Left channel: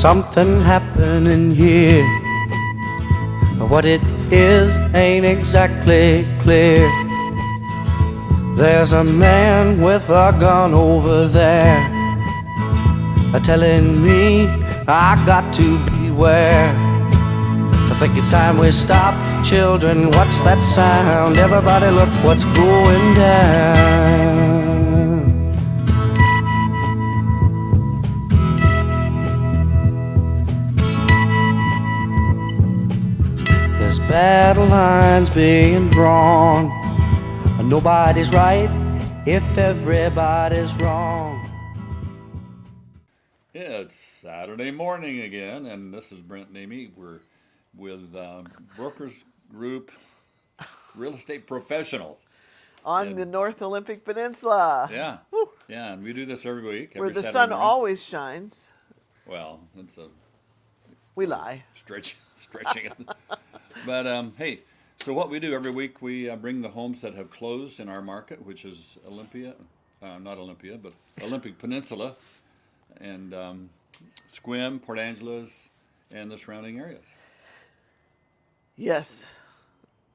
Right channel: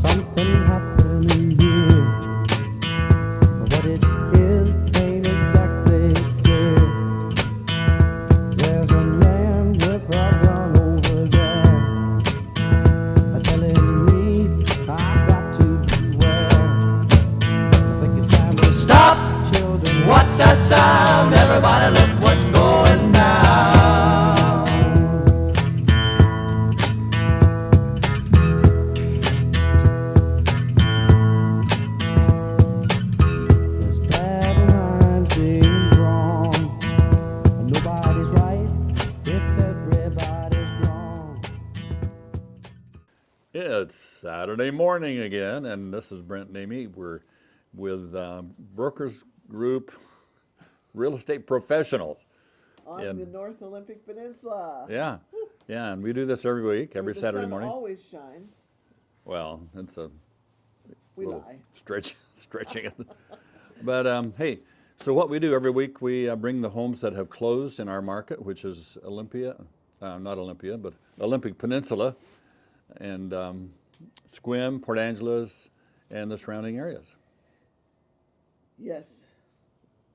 something happening here, but what it is ain't exactly clear. There's a man with a gun over there, telling me I got to beware. I think it's time we stop, children, what's that sound? Everybody look what's going down. There's battle lines being drawn, nobody's right if everybody's wrong. It's Saturday morning again, and this is Brent and Amy. We're with Brokers Group Real Estate Professionals. On the North Olympic Peninsula. Yeah. Woo. Yeah, and we do this every week, every Where the Saturday sun morning. always shines. Well, that's a We lie. stretching it. But hey, so what we do every week, we bring the homes that have closed in our market, which is not Olympia, but Olympic Peninsula, and Sequim, Port Angeles, and the surrounding areas. Yes,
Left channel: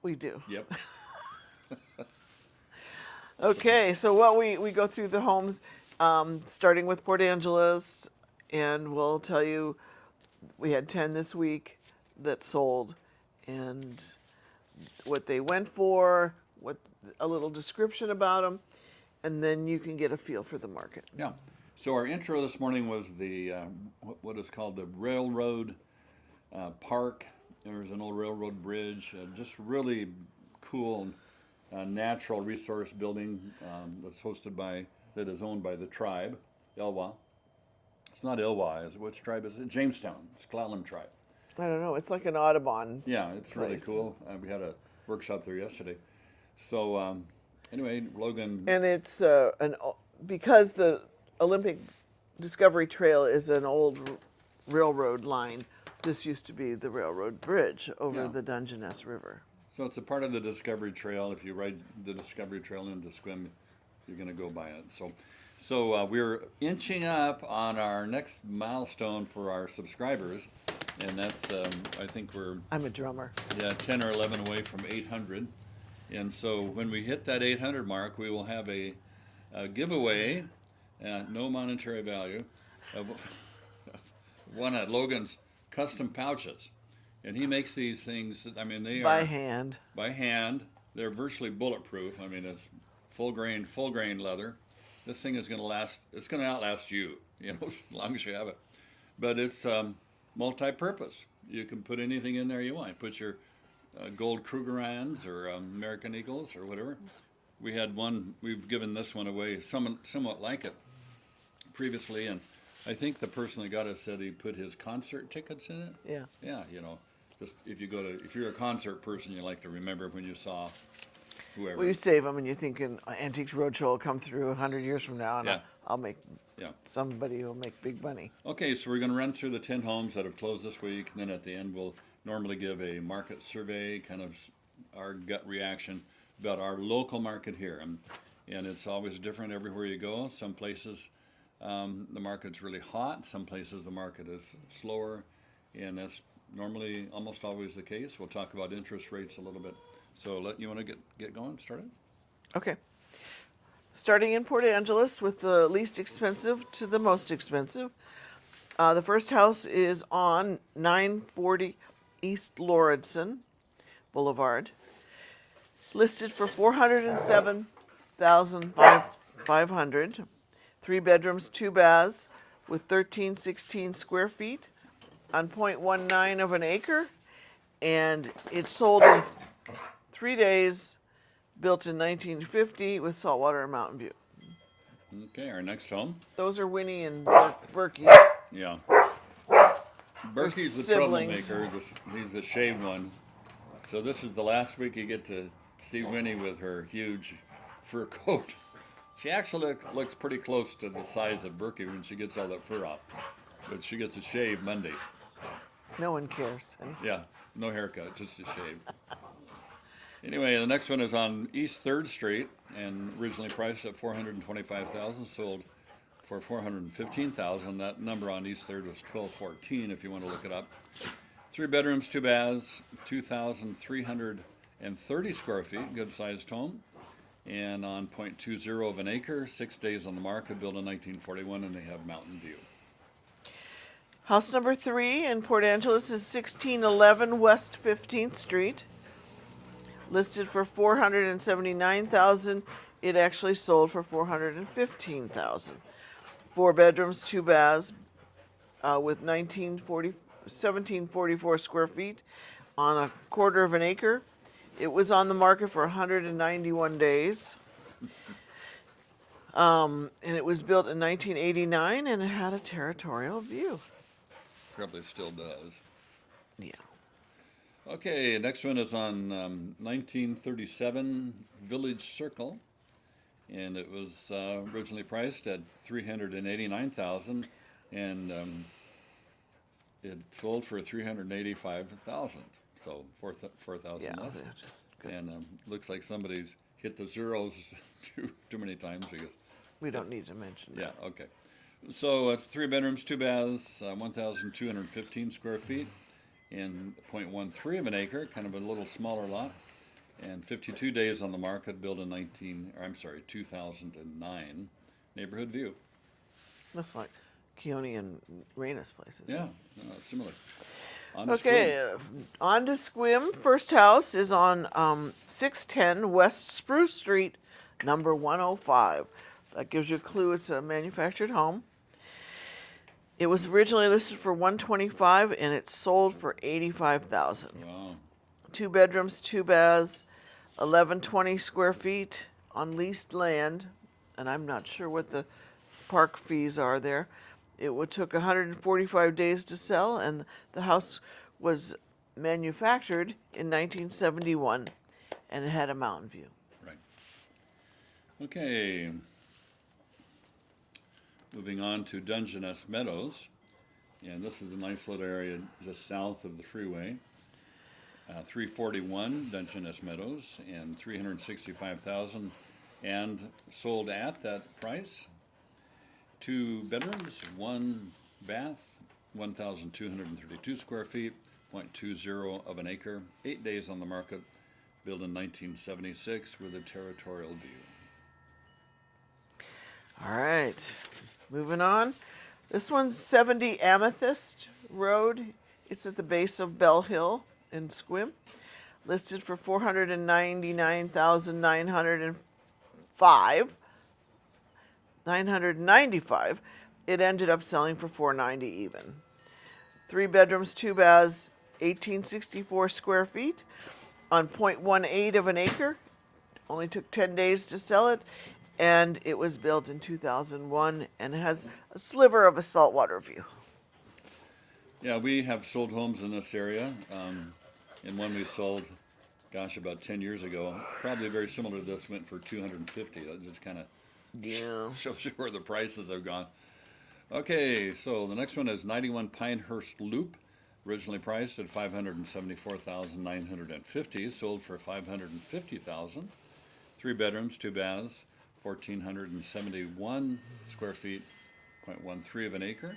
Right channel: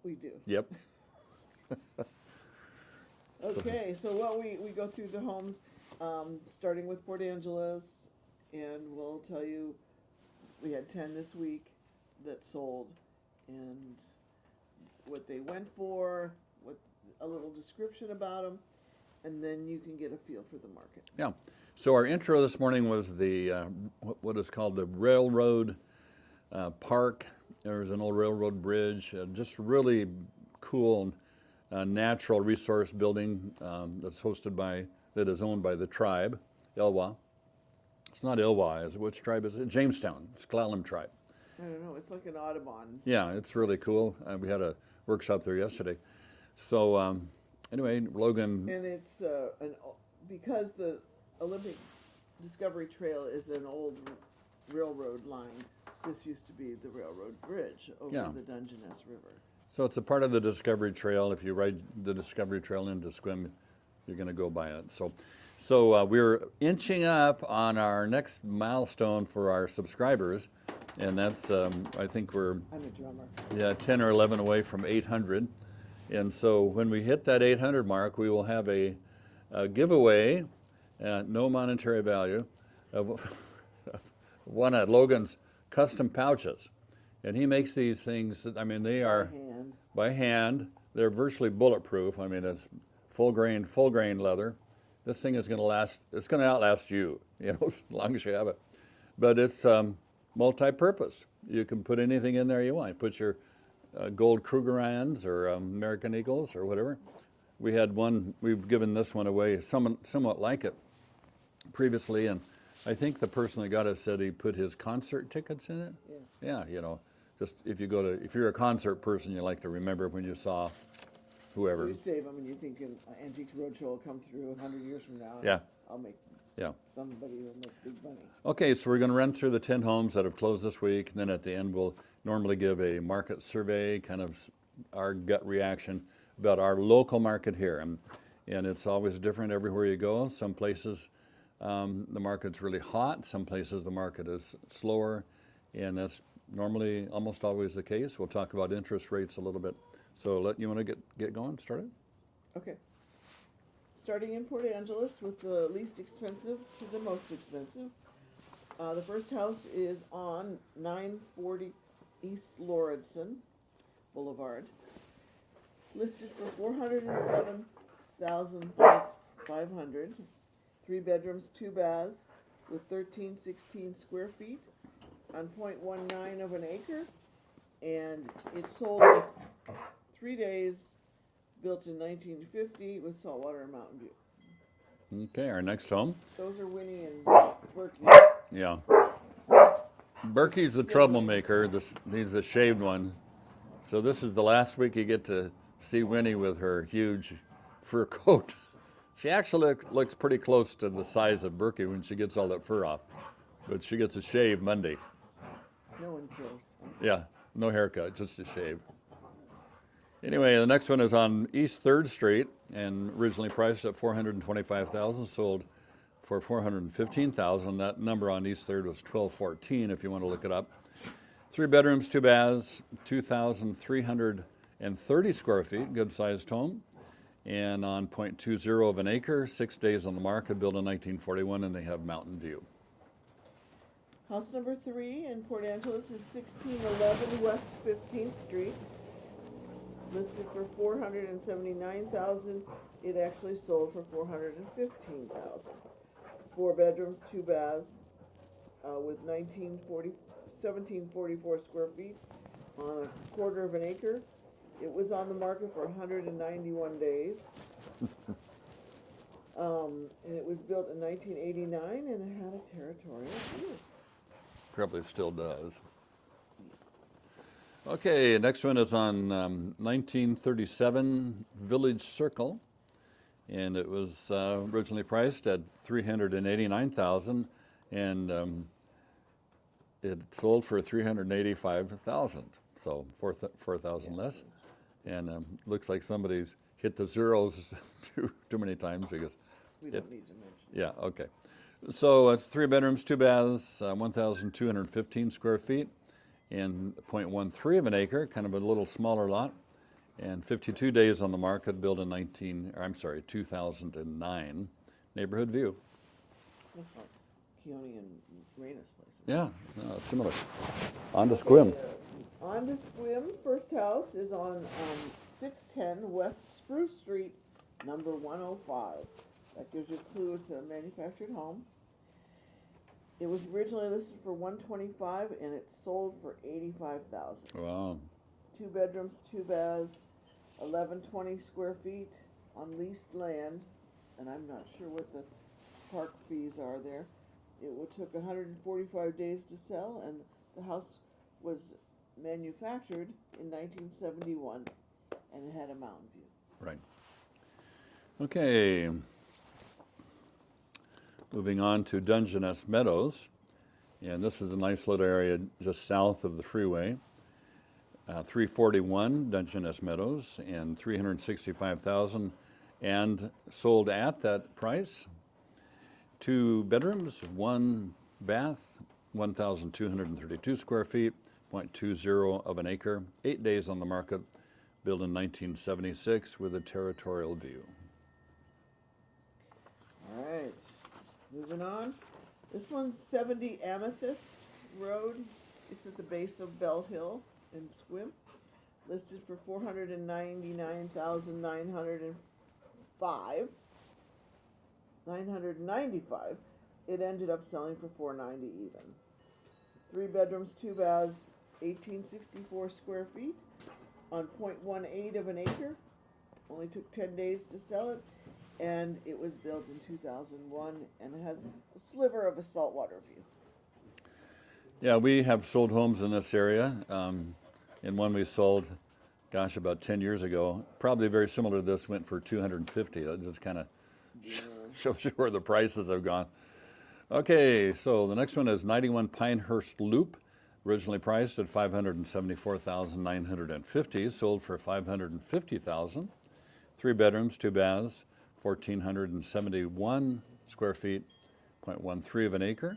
we do. Yep. Okay, so what we go through the homes, starting with Port Angeles, and we'll tell you we had 10 this week that sold, and what they went for, what a little description about them, and then you can get a feel for the market. Yeah. So our intro this morning was the what is called the Railroad Park. There's an old railroad bridge, just really cool natural resource building that is owned by the tribe, Elwha. It's not Elwha, is it? Which tribe is it? Jamestown. It's Clallam tribe. I don't know. It's like an Audubon. Yeah, it's really place. cool. We had a workshop there yesterday. So anyway, Logan. And it's because the Olympic Discovery Trail is an old railroad line. This used to be the railroad bridge over the Dungeness River. So it's a part of the Discovery Trail. If you ride the Discovery Trail into Sequim, you're going to go by it. So we're inching up on our next milestone for our subscribers, and that's I think I'm a drummer. 10 or 11 away from 800. And so when we hit that 800 mark, we will have a giveaway at no monetary value of one of Logan's custom pouches. And he makes these things, they are by hand. They're virtually bulletproof. It's full grain leather. This thing is going to last, it's going to outlast you, as long as you have it. But it's multi-purpose. You can put anything in there you want. Put your gold Krugerrands or American Eagles or whatever. We had one, we've given this one away, somewhat like it previously, and I think the person that got it said he put his concert tickets in it. Yeah. Yeah, just if you're a concert person, you like to remember when you saw whoever. Well, you save them, and you're thinking Antiques Roadshow will come through 100 years from now, and I'll make somebody who will make big money. Okay, so we're going to run through the 10 homes that have closed this week, and then at the end we'll normally give a market survey, kind of our gut reaction about our local market here. And it's always different everywhere you go. Some places the market's really hot, some places the market is slower, and that's normally almost always the case. We'll talk about interest rates a little bit. So you want to get going, started? Okay. Starting in Port Angeles with the least expensive to the most expensive. The first house is on 940 East Lauridsen Boulevard, listed for $407,500. 3 bedrooms, 2 baths, with 1316 square feet on 0.19 of an acre, and it sold in 3 days, built in 1950 with saltwater and mountain view. Okay, our next home. Those are Winnie and Berkey. Yeah. Berkey's the troublemaker. He's the shaved one. So this is the last week you get to see Winnie with her huge fur coat. She actually looks pretty close to the size of Berkey when she gets all that fur off. But she gets a shave Monday. No one cares. Yeah, no haircut, just a shave. Anyway, the next one is on East 3rd Street and originally priced at $425,000, sold for $415,000. That number on East 3rd was 1214 if you want to look it up. 3 bedrooms, 2 baths, 2,330 square feet, good sized home. And on 0.20 of an acre, 6 days on the market, built in 1941, and they have mountain view. House number 3 in Port Angeles is 1611 West 15th Street. Listed for $479,000. It actually sold for $415,000. 4 bedrooms, 2 baths, with 1744 square feet on a quarter of an acre. It was on the market for 191 days. And it was built in 1989, and it had a territorial view. Probably still does. Yeah. Okay, next one is on 1937 Village Circle, and it was originally priced at $389,000, and it sold for $385,000, so $4,000 Yeah, less. just good. And looks like somebody's hit the zeros too many times because. We don't need to mention that. Yeah. Okay. So it's 3 bedrooms, 2 baths, 1,215 square feet, and 0.13 of an acre, kind of a little smaller lot, and 52 days on the market, built in 2009. Neighborhood view. That's like Keone and Reyna's places. Yeah, similar. On to Okay, Sequim. on to Sequim. First house is on 610 West Spruce Street, number 105. That gives you a clue. It's a manufactured home. It was originally listed for $125,000, and it sold for $85,000. Wow. 2 bedrooms, 2 baths, 1120 square feet on leased land, and I'm not sure what the park fees are there. It took 145 days to sell, and the house was manufactured in 1971, and it had a mountain view. Right. Okay. Moving on to Dungeness Meadows, and this is a nice little area just south of the freeway. 341 Dungeness Meadows, and $365,000, and sold at that price. 2 bedrooms, 1 bath, 1,232 square feet, 0.20 of an acre, 8 days on the market, built in 1976 with a territorial view. All right, moving on. This one's 70 Amethyst Road. It's at the base of Bell Hill in Sequim. Listed for $995. It ended up selling for $490 even. 3 bedrooms, 2 baths, 1,864 square feet on 0.18 of an acre. Only took 10 days to sell it, and it was built in 2001, and it has a sliver of a saltwater view. Yeah, we have sold homes in this area. And one we sold, gosh, about 10 years ago, probably very similar to this, went for $250. That just kind of shows you where the prices have gone. Okay, so the next one is 91 Pinehurst Loop, originally priced at $574,950, sold for $550,000. 3 bedrooms, 2 baths, 1,471 square feet, 0.13 of an acre,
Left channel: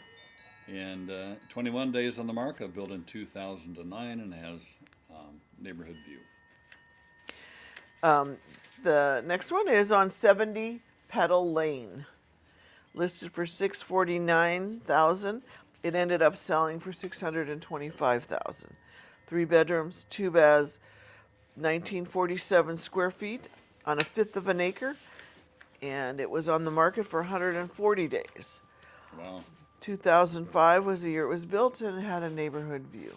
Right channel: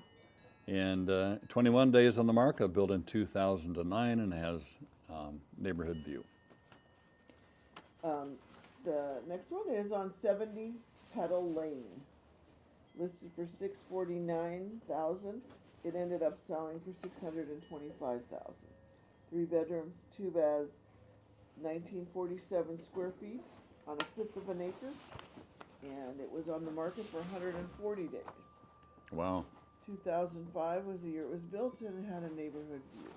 and 21 days on the market, built in 2009, and has neighborhood view. The next one is on 70 Petal Lane, listed for $649,000. It ended up selling for $625,000. 3 bedrooms, 2 baths, 1947 square feet on 1/5 of an acre, and it was on the market for 140 days. Wow. 2005 was the year it was built, and it had a neighborhood view.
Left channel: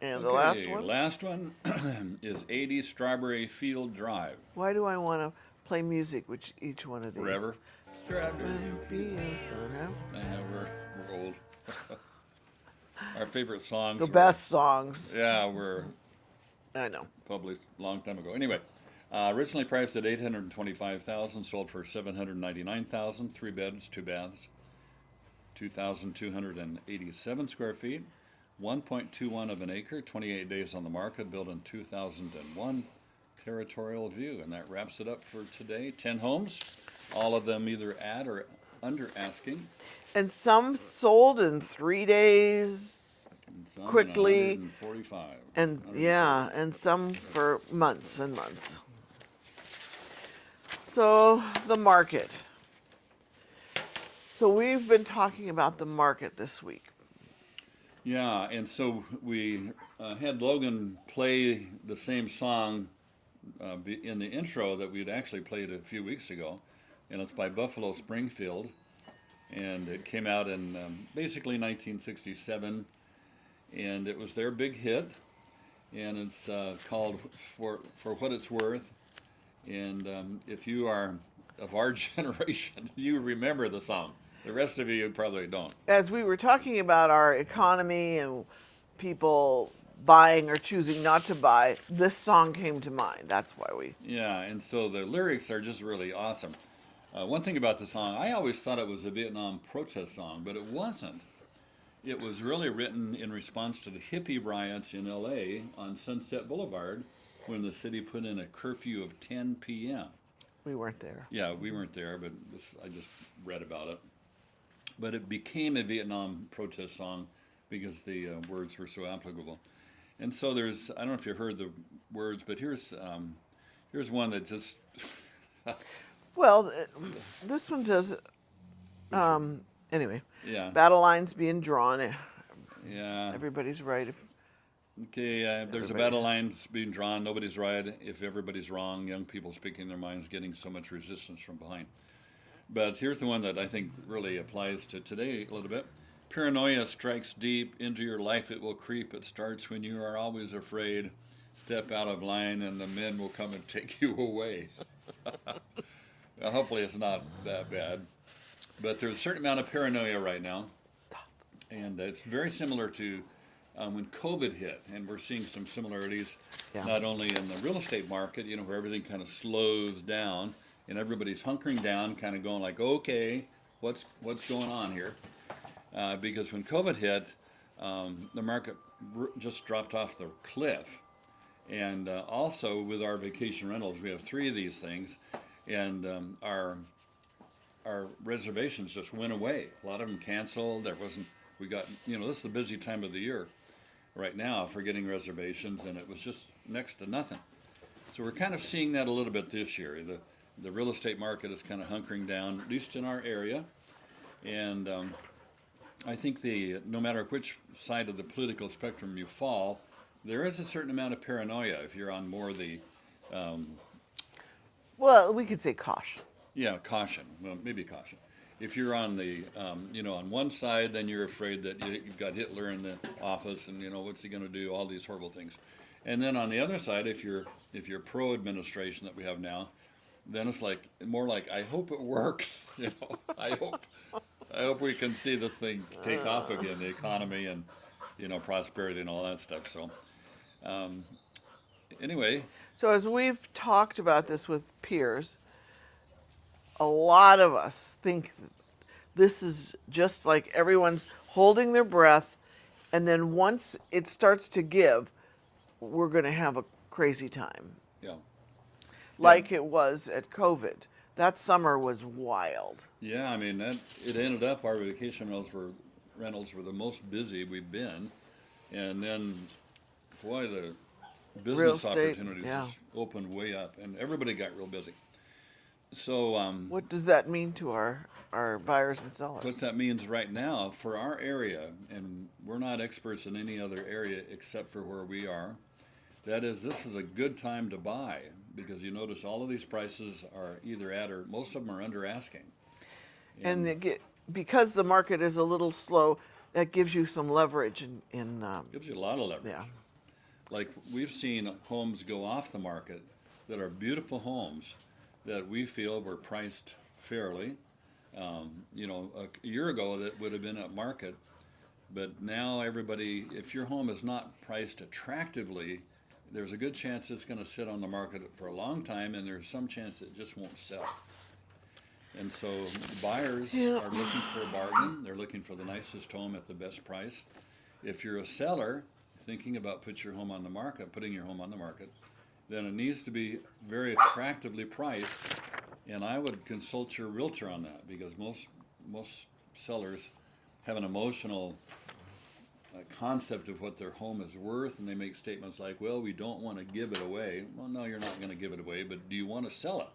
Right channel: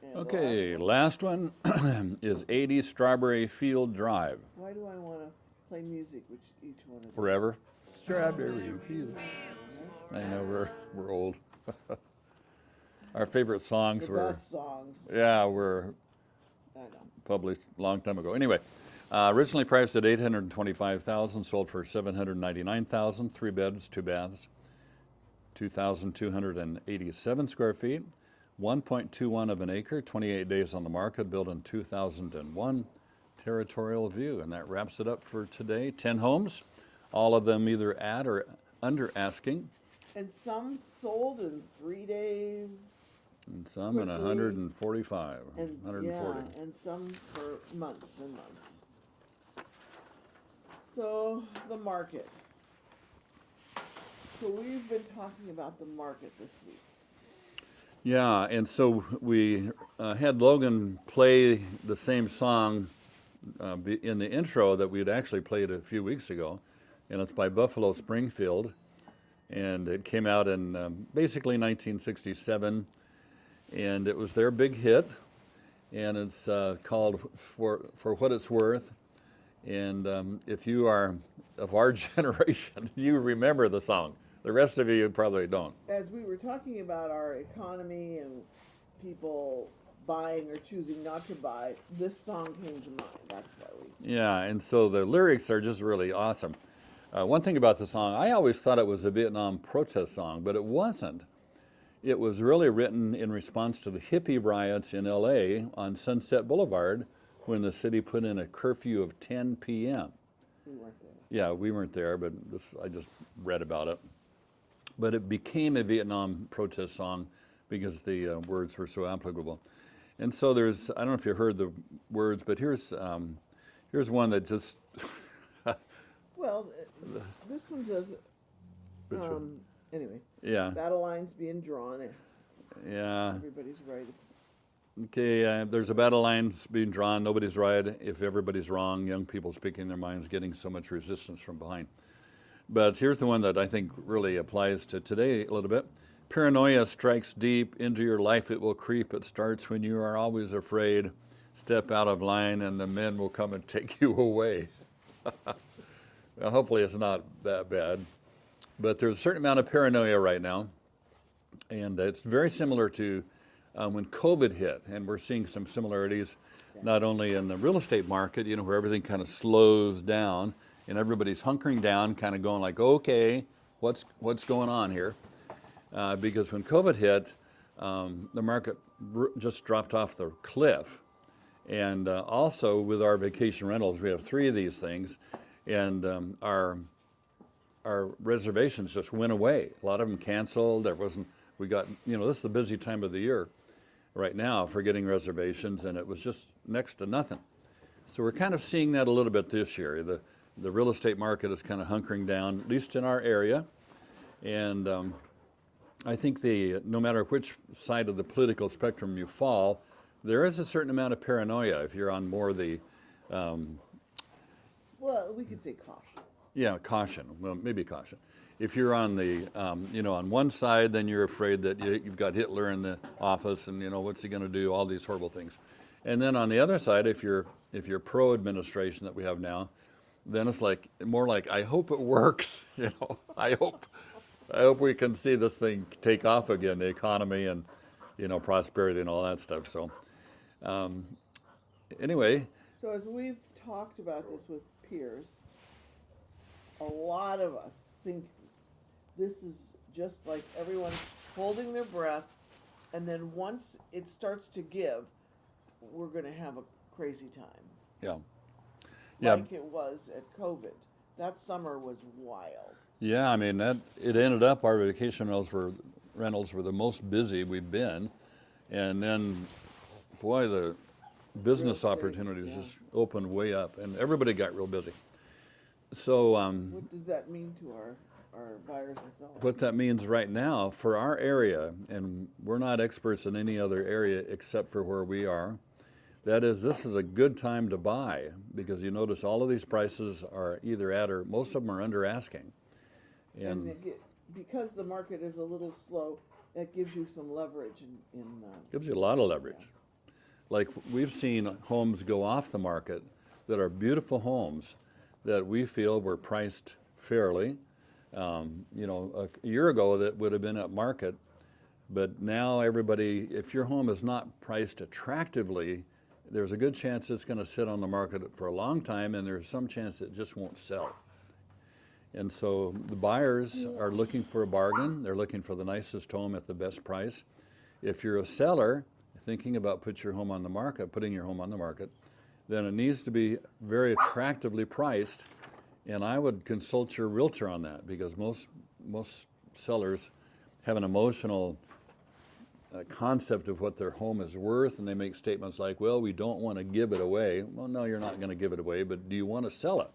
And the last one is 80 Strawberry Field Drive. Why do I want to play music with each one of these? Forever. Strawberry Field. I know we're old. Our favorite songs. The best songs. Yeah, were I know. published a long time ago. Anyway, originally priced at $825,000, sold for $799,000. 3 beds, 2 baths, 2,287 square feet, 1.21 of an acre, 28 days on the market, built in 2001. Territorial view, and that wraps it up for today. 10 homes, all of them either at or under asking, And some sold in 3 days, and some quickly, in 145. and 140. and some for months and months. So the market. So we've been talking about the market this week. Yeah, and so we had Logan play the same song in the intro that we had actually played a few weeks ago, and it's by Buffalo Springfield, and it came out in basically 1967, and it was their big hit, and it's called For What It's Worth, and if you are of our generation, you remember the song. The rest of you probably don't. As we were talking about our economy and people buying or choosing not to buy, this song came to mind. That's why we. Yeah, and so the lyrics are just really awesome. One thing about the song, I always thought it was a Vietnam protest song, but it wasn't. It was really written in response to the hippie riots in LA on Sunset Boulevard when the city put in a curfew of 10 p.m. We weren't there. Yeah, we weren't there, but I just read about it. But it became a Vietnam protest song because the words were so applicable. And so there's, I don't know if you heard the words, but here's one that just. Well, this one does. Anyway. Yeah. Battle lines being drawn. Yeah. Everybody's right. Okay, there's a battle lines being drawn. Nobody's right. If everybody's wrong, young people speaking their minds, getting so much resistance from behind. But here's the one that I think really applies to today a little bit. Paranoia strikes deep into your life. It will creep. It starts when you are always afraid. Step out of line and the men will come and take you away. Now, hopefully it's not that bad. But there's a certain amount of paranoia right now. And it's very similar to when COVID hit. And we're seeing some similarities, not only in the real estate market, where everything kind of slows down and everybody's hunkering down, kind of going like, okay, what's going on here? Because when COVID hit, the market just dropped off the cliff. And also with our vacation rentals, we have 3 of these things, and our reservations just went away. A lot of them canceled. We got, this is the busy time of the year right now for getting reservations, and it was just next to nothing. So we're kind of seeing that a little bit this year. The real estate market is kind of hunkering down, at least in our area. And I think no matter which side of the political spectrum you fall, there is a certain amount of paranoia if you're on more the. Well, we could say caution. Yeah, caution. Well, maybe caution. If you're on the, on one side, then you're afraid that you've got Hitler in the office, and what's he going to do? All these horrible things. And then on the other side, if you're pro-administration that we have now, then it's more like I hope it works. I hope we can see this thing take off again, the economy and prosperity and all that stuff. So anyway. So as we've talked about this with peers, a lot of us think this is just like everyone's holding their breath, and then once it starts to give, we're going to have a crazy time. Yeah. Like it was at COVID. That summer was wild. Yeah, I mean, it ended up our vacation rentals were the most busy we've been, and then, boy, the business opportunities just opened way up, and everybody got real busy. So what does that mean to our buyers and sellers? What that means right now for our area, and we're not experts in any other area except for where we are, that is, this is a good time to buy, because you notice all of these prices are either at or most of them are under asking. And because the market is a little slow, that gives you some leverage gives you a lot of leverage. Yeah. Like we've seen homes go off the market that are beautiful homes that we feel were priced fairly. A year ago that would have been at market, but now everybody, if your home is not priced attractively, there's a good chance it's going to sit on the market for a long time, and there's some chance it just won't sell. And so the buyers are looking for a bargain. They're looking for the nicest home at the best price. If you're a seller thinking about putting your home on the market, then it needs to be very attractively priced And I would consult your realtor on that, because most sellers have an emotional concept of what their home is worth, and they make statements like, well, we don't want to give it away. Well, no, you're not going to give it away, but do you want to sell it?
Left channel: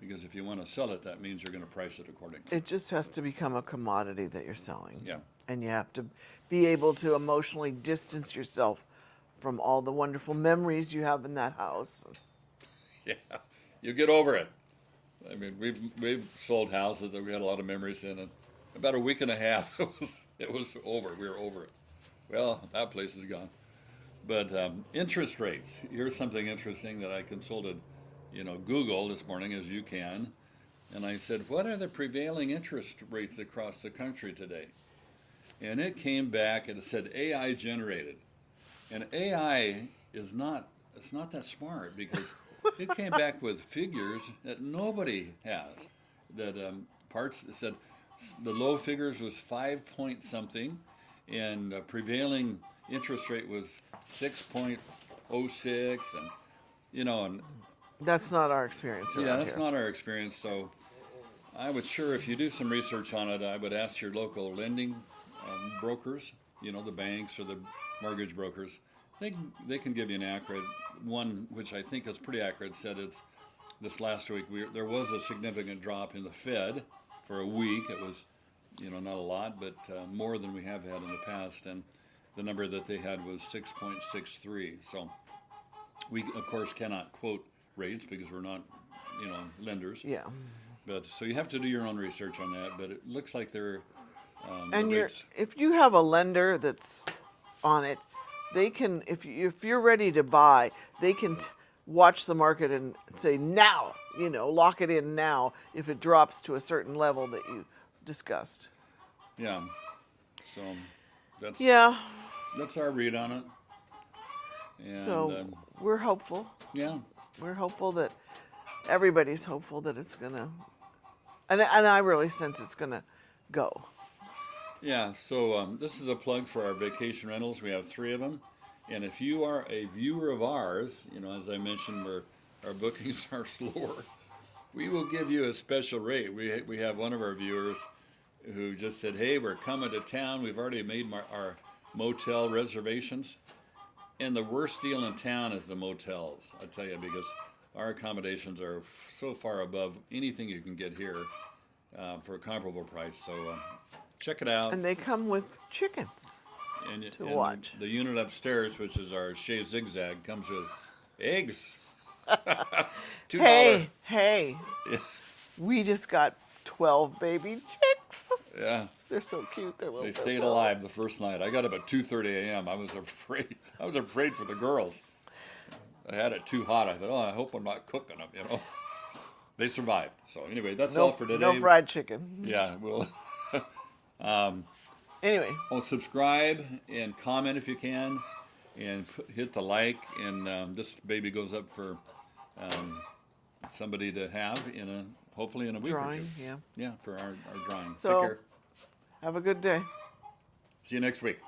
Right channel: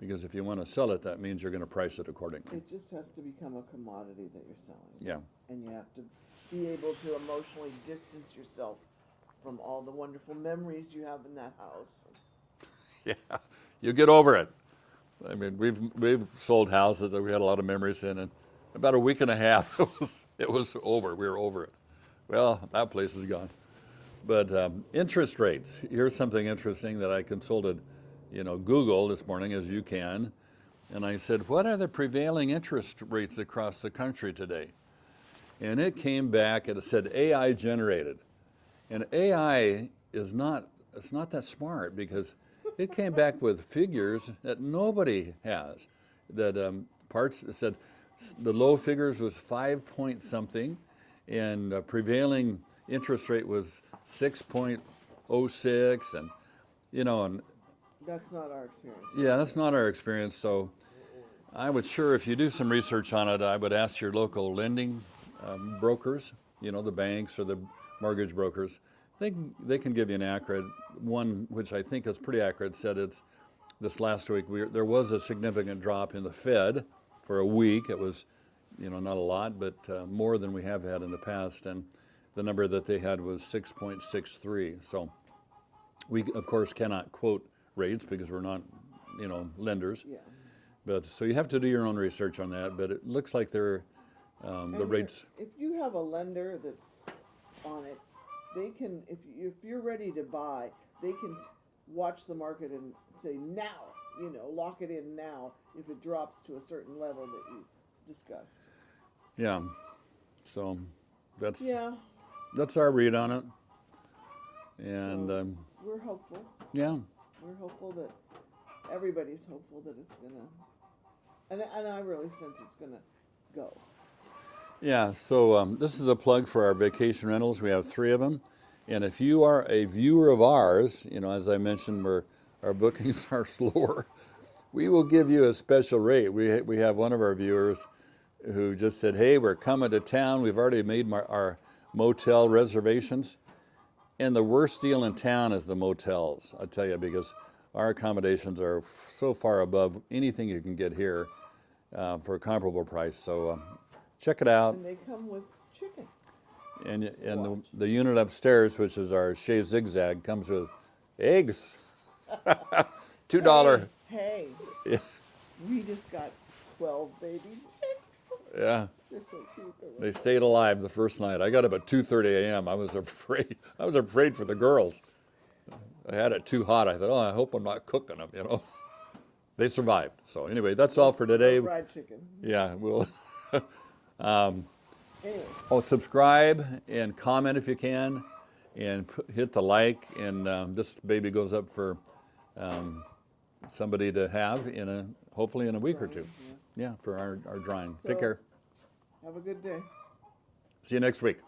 Because if you want to sell it, that means you're going to price it accordingly. It just has to become a commodity that you're selling. Yeah. And you have to be able to emotionally distance yourself from all the wonderful memories you have in that house. Yeah, you get over it. I mean, we've sold houses that we had a lot of memories in, and about a week and a half, it was over. We were over it. Well, that place is gone. But interest rates. Here's something interesting that I consulted, Google this morning, as you can, and I said, what are the prevailing interest rates across the country today? And it came back and it said AI generated, and AI it's not that smart, because it came back with figures that nobody has. That parts it said the low figures was 5 point something, and prevailing interest rate was 6.06, and and That's not our experience. yeah, that's not our experience. So I would sure, if you do some research on it, I would ask your local lending brokers, the banks or the mortgage brokers. They can give you an accurate one, which I think is pretty accurate. Said it's this last week there was a significant drop in the Fed for a week. It was, not a lot, but more than we have had in the past, and the number that they had was 6.63. So we of course cannot quote rates because we're not, lenders. Yeah. But so you have to do your own research on that. But it looks like they're And the rates. if you have a lender that's on it, they can, if you're ready to buy, they can watch the market and say now, lock it in now if it drops to a certain level that you discussed. Yeah. So that's our read on it. And So we're hopeful. yeah. We're hopeful that everybody's hopeful that it's gonna, and I really sense it's gonna go. Yeah, so this is a plug for our vacation rentals. We have 3 of them. And if you are a viewer of ours, as I mentioned, our bookings are slower, we will give you a special rate. We have one of our viewers who just said, hey, we're coming to town. We've already made our motel reservations. And the worst deal in town is the motels, I tell you, because our accommodations are so far above anything you can get here for a comparable price. So check it out. And they come with chickens. And watch. the unit upstairs, which is our Chez Zigzag, comes with eggs. $2. Hey, we just got 12 baby chicks. Yeah. They're so cute. They're little. They stayed alive the first night. I got up at 2:30 a.m. I was afraid. I was afraid for the girls. I had it too hot. I thought, I hope I'm not cooking them. They survived. So anyway, that's all for today. No fried chicken. Yeah, we'll. Anyway. Subscribe and comment if you can, and hit the like. And this baby goes up for somebody to have hopefully in a week or Drawing, two. yeah. Yeah, for our drawing. So, Take care. have a good day. See you next week.